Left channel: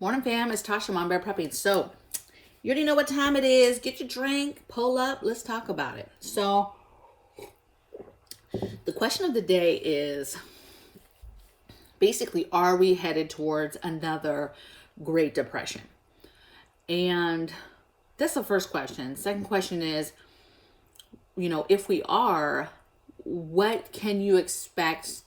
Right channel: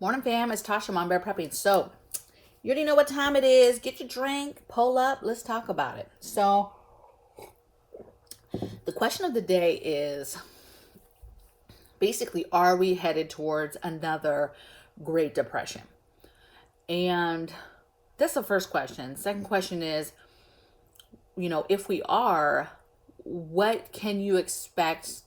Morning, fam. It's Tasha, MAMABEAR prepping. So, you already know what time it is. Get your drink, pull up, let's talk about it. So, the question of the day is basically, are we headed towards another Great Depression? And that's the first question. Second question is, if we are, what can you expect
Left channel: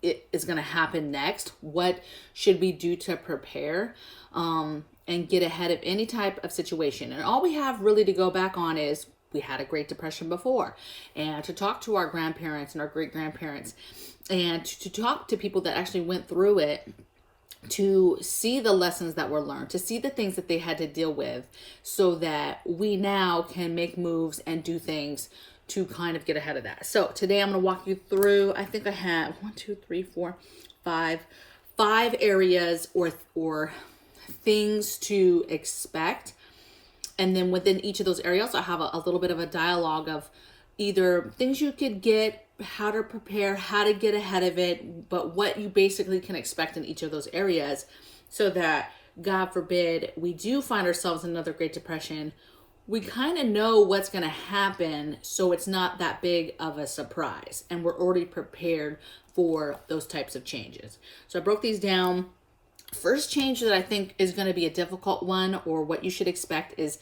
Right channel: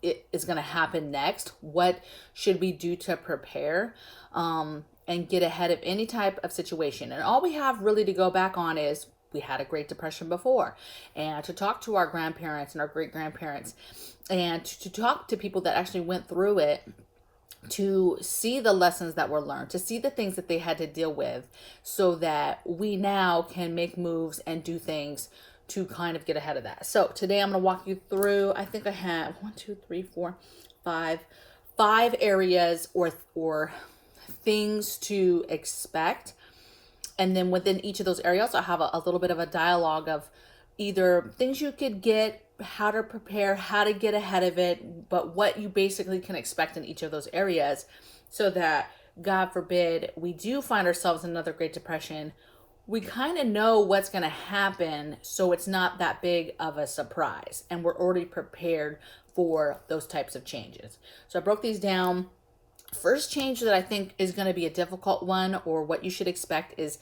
it is going to happen next? What should we do to prepare and get ahead of any type of situation? And all we have really to go back on is we had a Great Depression before, and to talk to our grandparents and our great grandparents and to talk to people that actually went through it, to see the lessons that were learned, to see the things that they had to deal with, so that we now can make moves and do things to kind of get ahead of that. So today I'm going to walk you through, I think I have 5 areas or things to expect. And then within each of those areas, I'll have a little bit of a dialogue of either things you could get, how to prepare, how to get ahead of it, but what you basically can expect in each of those areas, so that, God forbid, we do find ourselves in another Great Depression, we kind of know what's going to happen, so it's not that big of a surprise, and we're already prepared for those types of changes. So I broke these down. First change that I think is going to be a difficult one, or what you should expect, is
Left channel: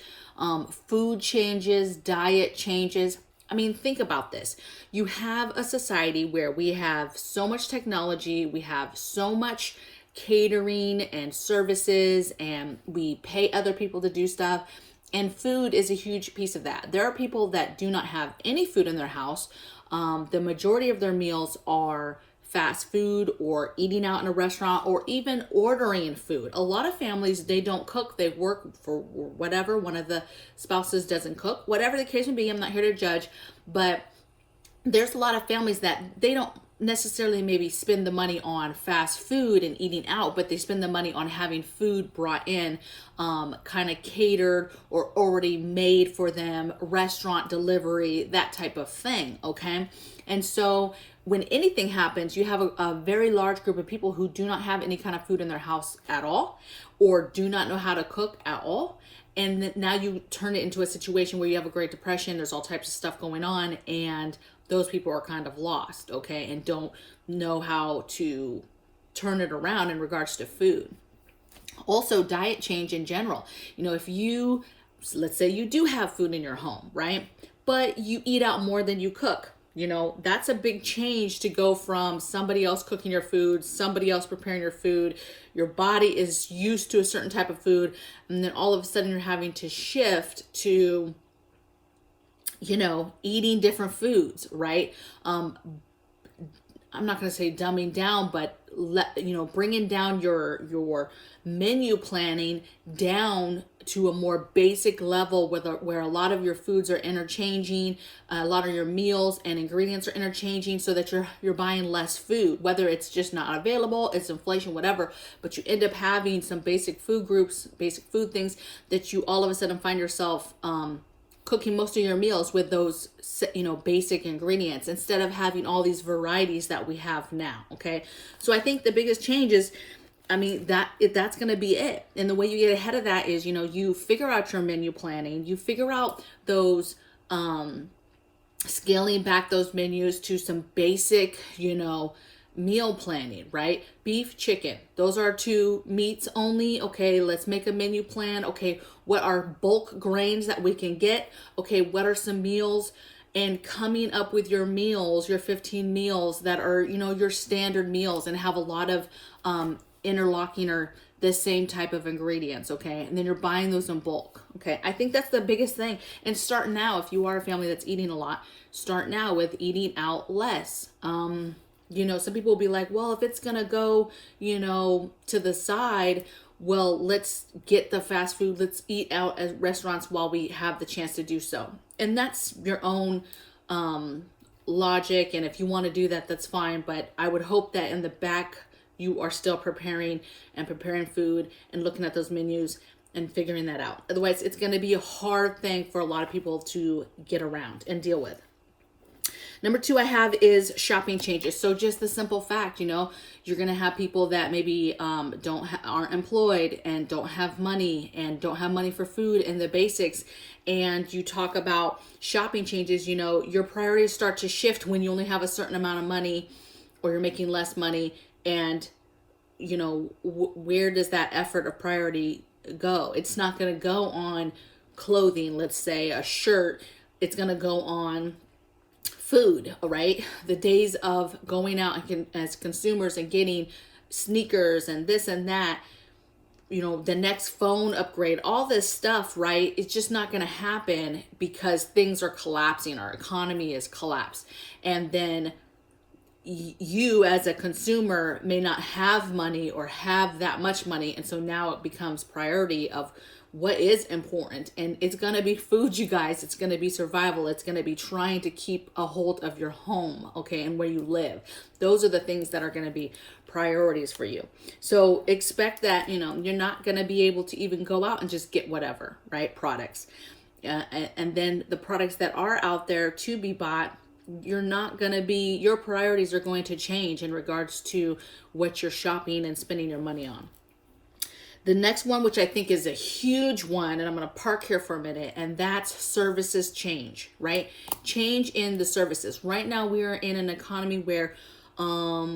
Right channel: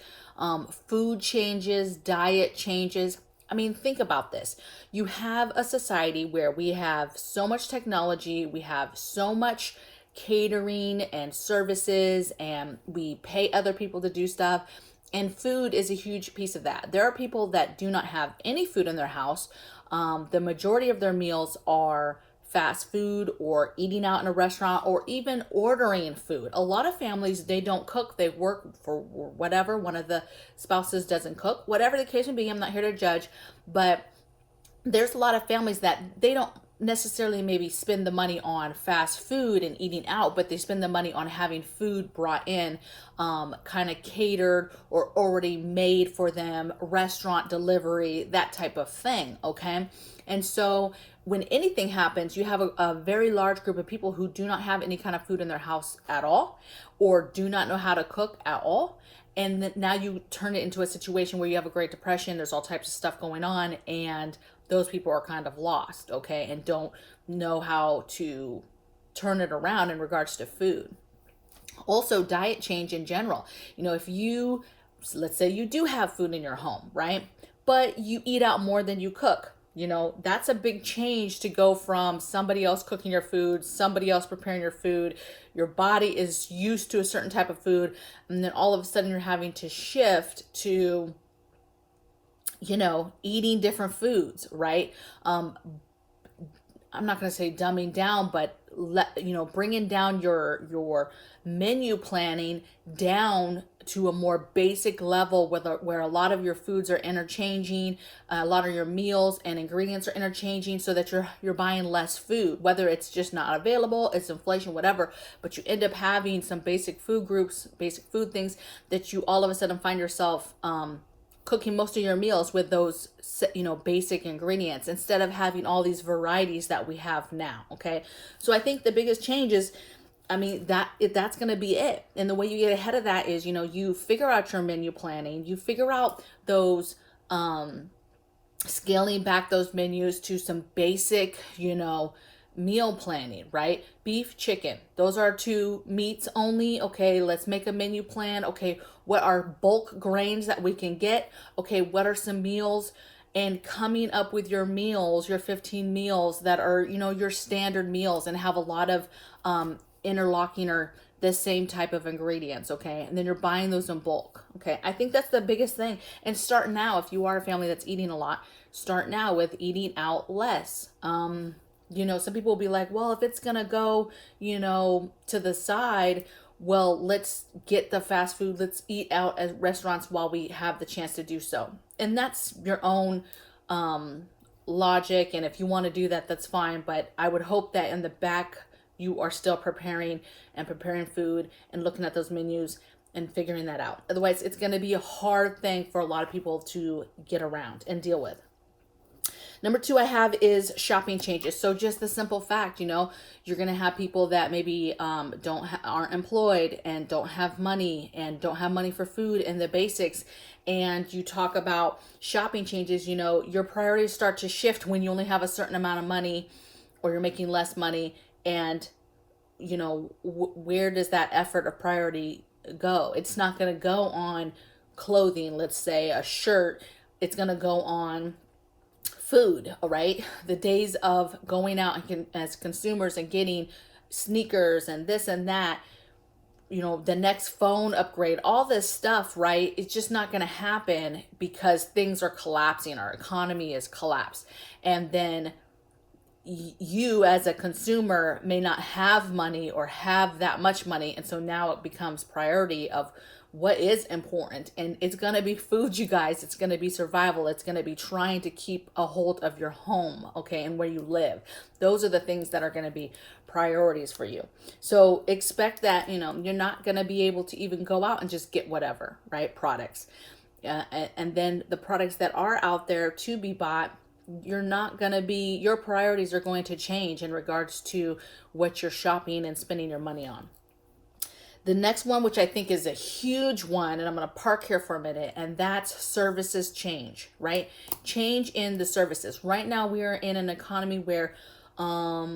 food changes, diet changes. I mean, think about this. You have a society where we have so much technology, we have so much catering and services, and we pay other people to do stuff. And food is a huge piece of that. There are people that do not have any food in their house. The majority of their meals are fast food, or eating out in a restaurant, or even ordering food. A lot of families, they don't cook. They work for whatever. One of the spouses doesn't cook. Whatever the case may be, I'm not here to judge. But there's a lot of families that they don't necessarily maybe spend the money on fast food and eating out, but they spend the money on having food brought in, kind of catered or already made for them, restaurant delivery, that type of thing. Okay. And so when anything happens, you have a very large group of people who do not have any kind of food in their house at all, or do not know how to cook at all. And now you turn it into a situation where you have a Great Depression, there's all types of stuff going on, and those people are kind of lost, okay, and don't know how to turn it around in regards to food. Also, diet change in general. If let's say you do have food in your home, right? But you eat out more than you cook. That's a big change, to go from somebody else cooking your food, somebody else preparing your food. Your body is used to a certain type of food, and then all of a sudden you're having to shift to eating different foods, right? I'm not going to say dumbing down, but bringing down your menu planning down to a more basic level, where a lot of your foods are interchanging, a lot of your meals and ingredients are interchanging, so that you're buying less food, whether it's just not available, it's inflation, whatever, but you end up having some basic food groups, basic food things, that you all of a sudden find yourself cooking most of your meals with those basic ingredients, instead of having all these varieties that we have now. Okay, so I think the biggest change is, that's going to be it. And the way you get ahead of that is, you figure out your menu planning, you figure out those scaling back those menus to some basic meal planning, right? Beef, chicken, those are 2 meats only. Okay, let's make a menu plan. Okay, what are bulk grains that we can get? Okay, what are some meals? And coming up with your meals, your 15 meals that are, your standard meals, and have a lot of interlocking or the same type of ingredients. Okay, and then you're buying those in bulk. Okay, I think that's the biggest thing. And start now. If you are a family that's eating a lot, start now with eating out less. Some people will be like, well, if it's going to go, to the side, well, let's get the fast food. Let's eat out at restaurants while we have the chance to do so. And that's your own logic. And if you want to do that, that's fine. But I would hope that in the back, you are still preparing food and looking at those menus and figuring that out. Otherwise, it's going to be a hard thing for a lot of people to get around and deal with. Number two I have is shopping changes. So just the simple fact, you're going to have people that maybe aren't employed and don't have money for food and the basics. And you talk about shopping changes, your priorities start to shift when you only have a certain amount of money or you're making less money. And, where does that effort or priority go? It's not going to go on clothing, let's say a shirt. It's going to go on food, all right? The days of going out as consumers and getting sneakers and this and that, the next phone upgrade, all this stuff, right? It's just not going to happen because things are collapsing. Our economy is collapsed. And then you as a consumer may not have money or have that much money. And so now it becomes priority of what is important. And it's going to be food, you guys. It's going to be survival. It's going to be trying to keep a hold of your home, okay, and where you live. Those are the things that are going to be priorities for you. So expect that, you're not going to be able to even go out and just get whatever, right? Products. And then the products that are out there to be bought, your priorities are going to change in regards to what you're shopping and spending your money on. The next one, which I think is a huge one, and I'm going to park here for a minute, and that's services change, right? Change in the services. Right now, we are in an economy where I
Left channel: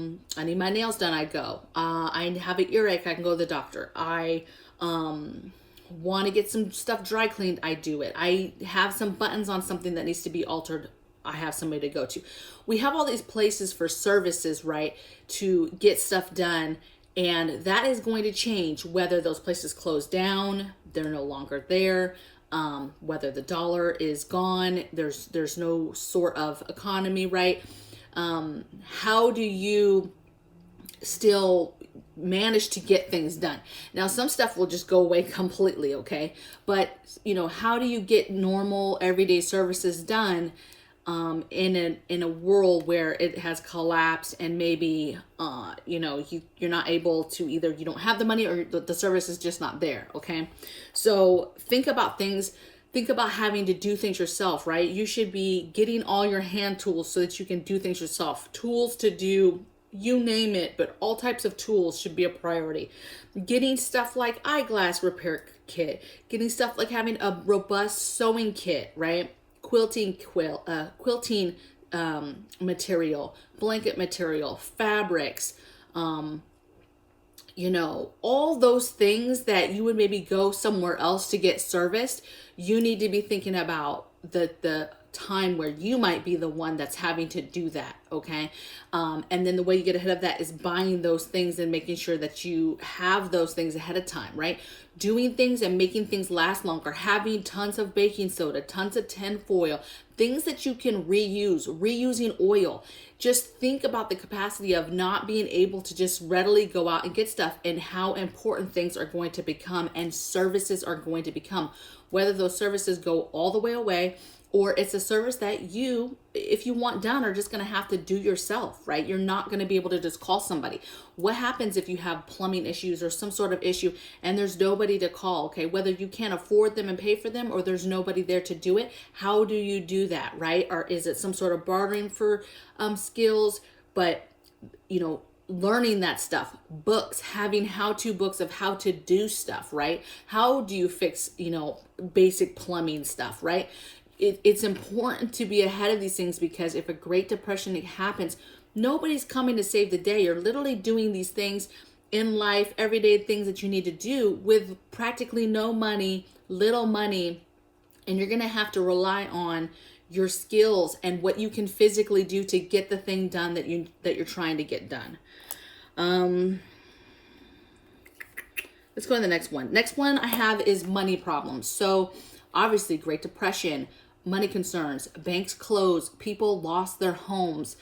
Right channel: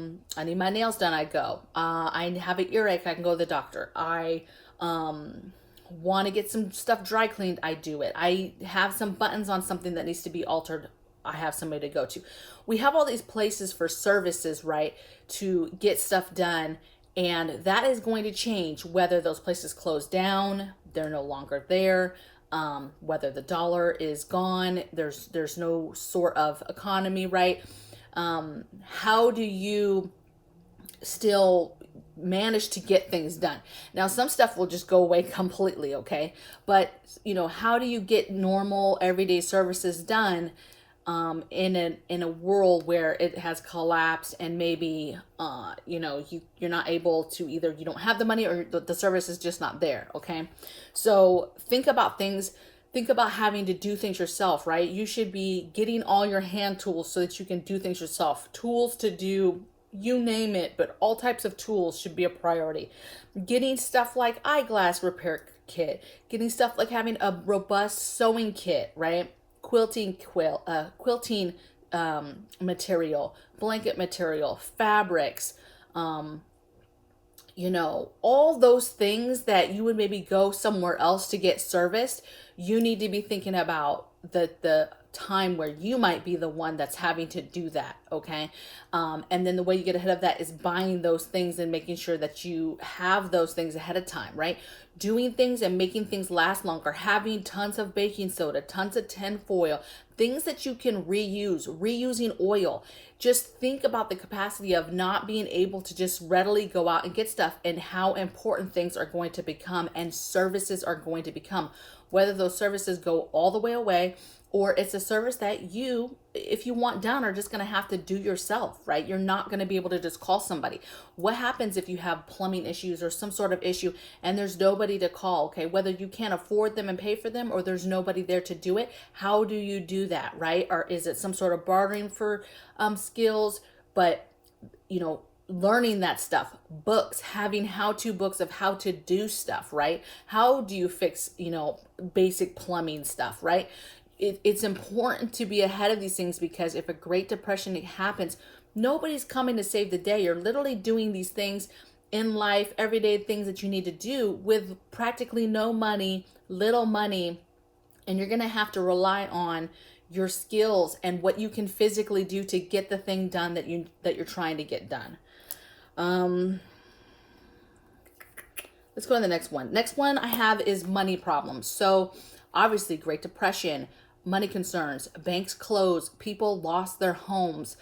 need my nails done, I go. I have an earache, I can go to the doctor. I want to get some stuff dry cleaned, I do it. I have some buttons on something that needs to be altered, I have somebody to go to. We have all these places for services, right, to get stuff done. And that is going to change whether those places close down, they're no longer there, whether the dollar is gone, there's no sort of economy, right? How do you still manage to get things done? Now, some stuff will just go away completely, okay? But, how do you get normal everyday services done in a world where it has collapsed and maybe you're not able to, either you don't have the money or the service is just not there, okay? So think about having to do things yourself, right? You should be getting all your hand tools so that you can do things yourself. Tools to do, you name it, but all types of tools should be a priority. Getting stuff like eyeglass repair kit, getting stuff like having a robust sewing kit, right? Quilting material, blanket material, fabrics, all those things that you would maybe go somewhere else to get serviced. You need to be thinking about the time where you might be the one that's having to do that, okay? And then the way you get ahead of that is buying those things and making sure that you have those things ahead of time, right? Doing things and making things last longer, having tons of baking soda, tons of tin foil, things that you can reusing oil. Just think about the capacity of not being able to just readily go out and get stuff and how important things are going to become and services are going to become. Whether those services go all the way away or it's a service that you, if you want done, are just going to have to do yourself, right? You're not going to be able to just call somebody. What happens if you have plumbing issues or some sort of issue and there's nobody to call, okay? Whether you can't afford them and pay for them or there's nobody there to do it, how do you do that, right? Or is it some sort of bartering for skills? But, learning that stuff, books, having how-to books of how to do stuff, right? How do you fix, basic plumbing stuff, right? It's important to be ahead of these things because if a Great Depression happens, nobody's coming to save the day. You're literally doing these things in life, everyday things that you need to do with practically no money, little money, and you're going to have to rely on your skills and what you can physically do to get the thing done that you're trying to get done. Let's go to the next one. Next one I have is money problems. So obviously Great Depression, money concerns, banks closed, people lost their homes.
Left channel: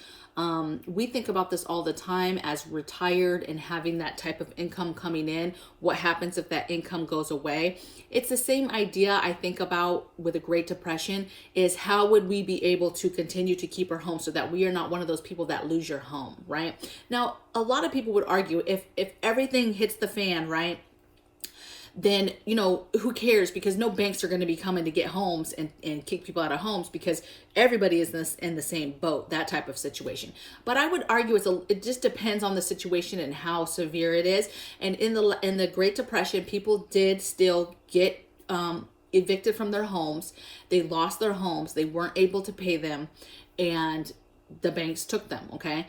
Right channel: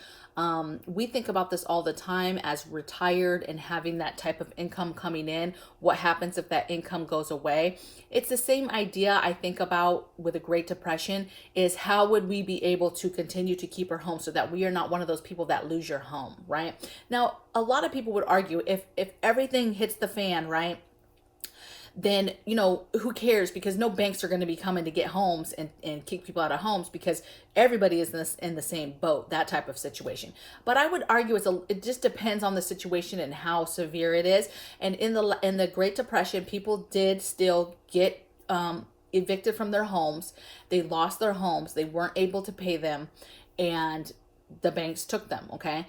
We think about this all the time as retired and having that type of income coming in. What happens if that income goes away? It's the same idea I think about with a Great Depression is how would we be able to continue to keep our home so that we are not one of those people that lose your home, right? Now, a lot of people would argue if everything hits the fan, right? then, who cares? Because no banks are going to be coming to get homes and kick people out of homes, because everybody is in the same boat, that type of situation. But I would argue it just depends on the situation and how severe it is. And in the Great Depression, people did still get evicted from their homes. They lost their homes. They weren't able to pay them, and the banks took them. Okay.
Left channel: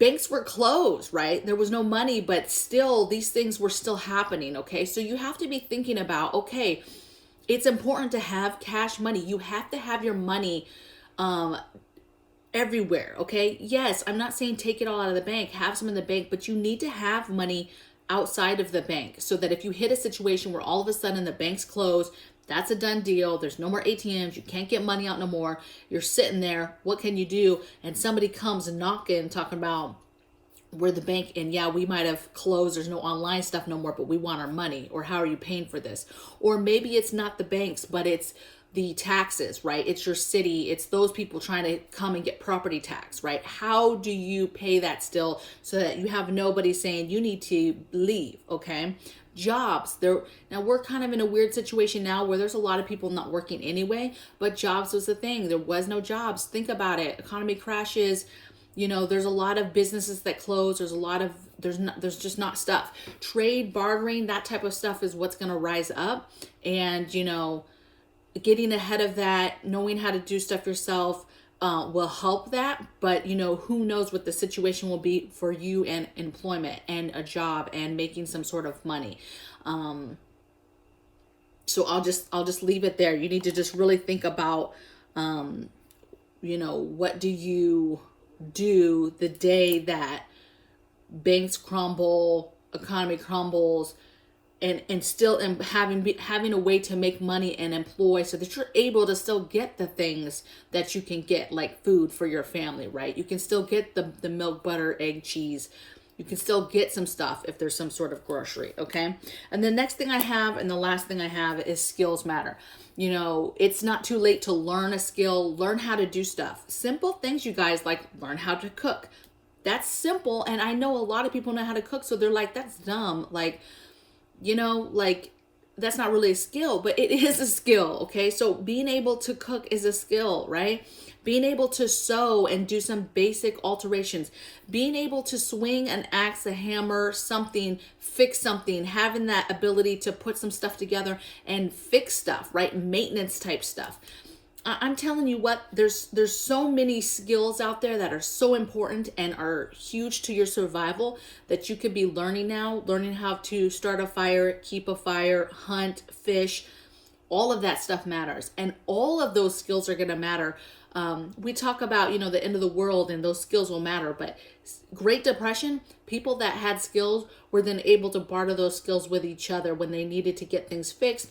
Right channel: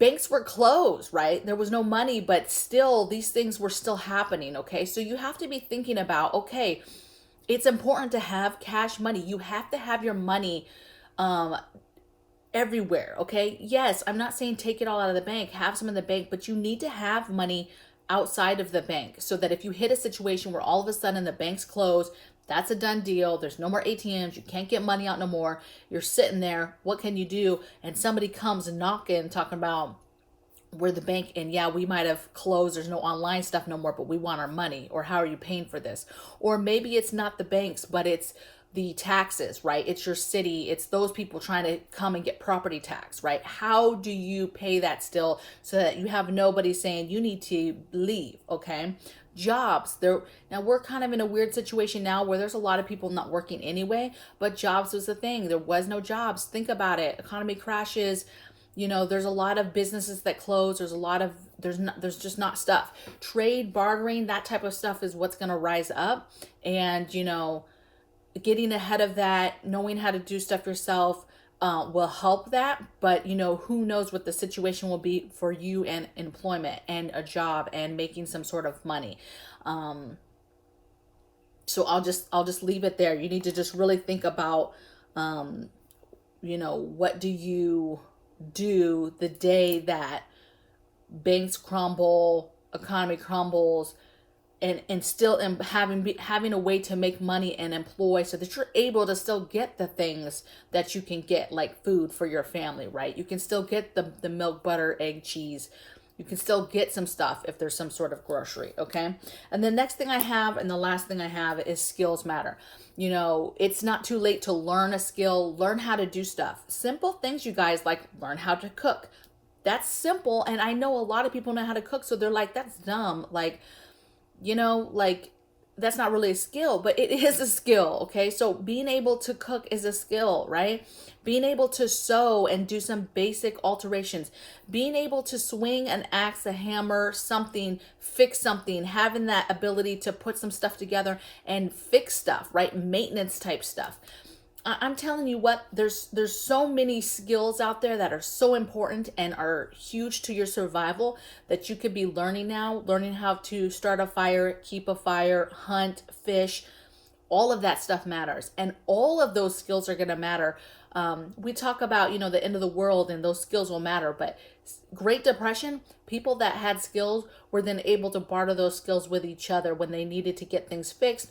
Banks were closed, right? There was no money, but still these things were still happening. Okay. So you have to be thinking about, okay, it's important to have cash money. You have to have your money everywhere. Okay. Yes. I'm not saying take it all out of the bank, have some in the bank, but you need to have money outside of the bank, so that if you hit a situation where all of a sudden the bank's closed, that's a done deal. There's no more ATMs. You can't get money out no more. You're sitting there. What can you do? And somebody comes knocking, talking about, we're the bank, and yeah, we might have closed. There's no online stuff no more, but we want our money. Or how are you paying for this? Or maybe it's not the banks, but it's the taxes, right? It's your city. It's those people trying to come and get property tax, right? How do you pay that still, so that you have nobody saying you need to leave? Okay. Jobs. Now we're kind of in a weird situation now where there's a lot of people not working anyway, but jobs was the thing. There was no jobs. Think about it. Economy crashes. There's a lot of businesses that close. There's just not stuff. Trade, bartering, that type of stuff is what's going to rise up. And, getting ahead of that, knowing how to do stuff yourself will help that. But, who knows what the situation will be for you and employment and a job and making some sort of money. So I'll just leave it there. You need to just really think about, what do you do the day that banks crumble, economy crumbles, and still having a way to make money and employ, so that you're able to still get the things that you can get, like food for your family, right? You can still get the milk, butter, egg, cheese. You can still get some stuff if there's some sort of grocery, okay? And the next thing I have, and the last thing I have, is skills matter. It's not too late to learn a skill, learn how to do stuff. Simple things, you guys, like learn how to cook. That's simple, and I know a lot of people know how to cook, so they're like, that's dumb. That's not really a skill, but it is a skill. Okay. So being able to cook is a skill, right? Being able to sew and do some basic alterations, being able to swing an axe, a hammer, something, fix something, having that ability to put some stuff together and fix stuff, right? Maintenance type stuff. I'm telling you what, there's so many skills out there that are so important and are huge to your survival that you could be learning now, learning how to start a fire, keep a fire, hunt, fish. All of that stuff matters. And all of those skills are going to matter. We talk about, the end of the world, and those skills will matter. But Great Depression, people that had skills were then able to barter those skills with each other when they needed to get things fixed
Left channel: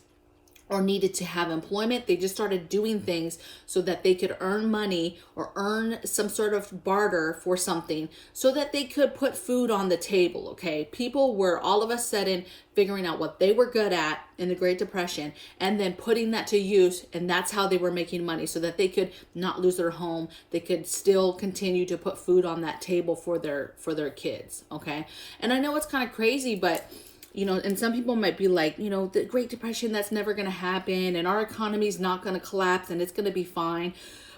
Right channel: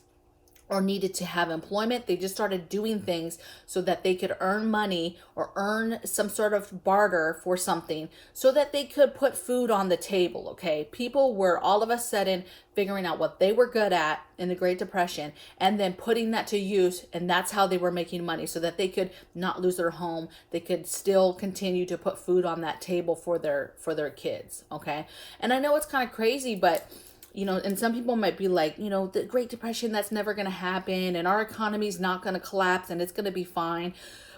or needed to have employment. They just started doing things so that they could earn money or earn some sort of barter for something so that they could put food on the table, okay? People were all of a sudden figuring out what they were good at in the Great Depression and then putting that to use, and that's how they were making money so that they could not lose their home. They could still continue to put food on that table for their kids, okay? And I know it's kind of crazy, but and some people might be like, the Great Depression, that's never going to happen, and our economy is not going to collapse, and it's going to be fine.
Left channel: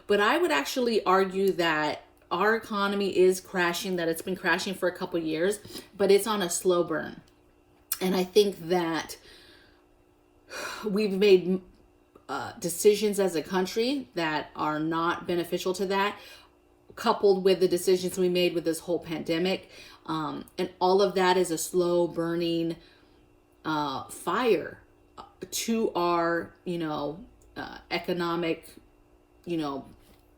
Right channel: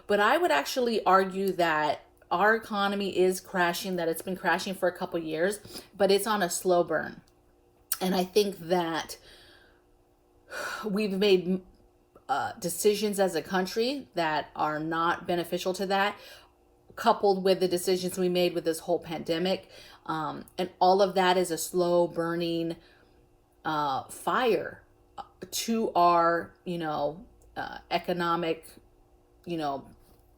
But I would actually argue that our economy is crashing, that it's been crashing for a couple years, but it's on a slow burn. And I think that we've made decisions as a country that are not beneficial to that, coupled with the decisions we made with this whole pandemic. And all of that is a slow burning fire to our, economic,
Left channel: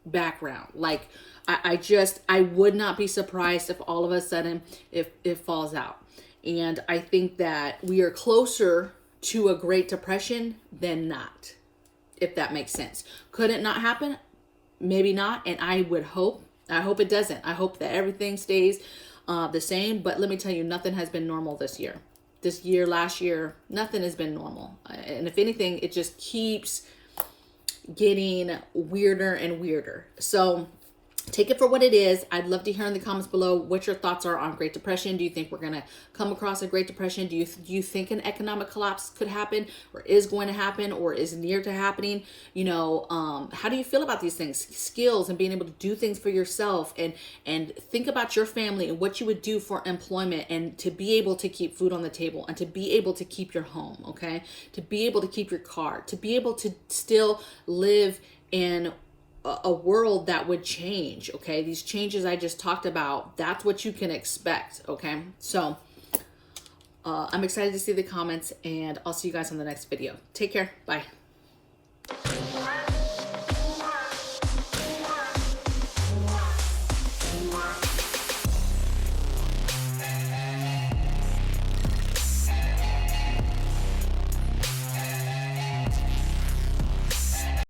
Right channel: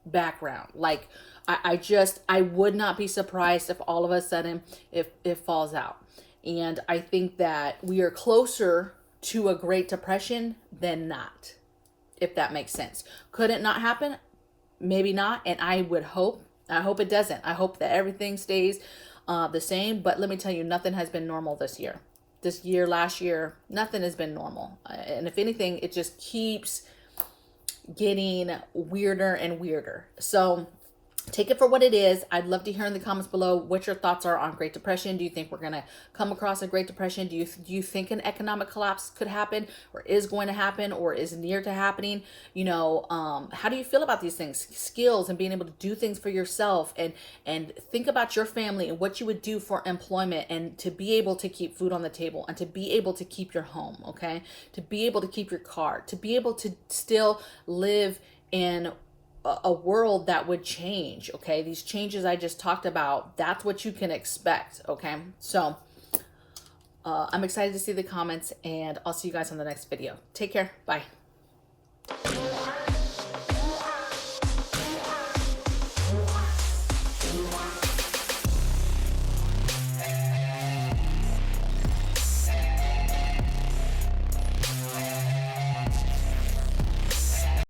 background. Like, I would not be surprised if all of a sudden if it falls out. And I think that we are closer to a Great Depression than not, if that makes sense. Could it not happen? Maybe not. And I hope it doesn't. I hope that everything stays the same. But let me tell you, nothing has been normal this year. This year, last year, nothing has been normal. And if anything, it just keeps getting weirder and weirder. So take it for what it is. I'd love to hear in the comments below what your thoughts are on Great Depression. Do you think we're going to come across a Great Depression? Do you think an economic collapse could happen, or is going to happen, or is near to happening? You know, how do you feel about these things? Skills and being able to do things for yourself, and think about your family and what you would do for employment, and to be able to keep food on the table, and to be able to keep your home, okay? To be able to keep your car, to be able to still live in a world that would change, okay? These changes I just talked about, that's what you can expect, okay? So I'm excited to see the comments, and I'll see you guys on the next video. Take care. Bye.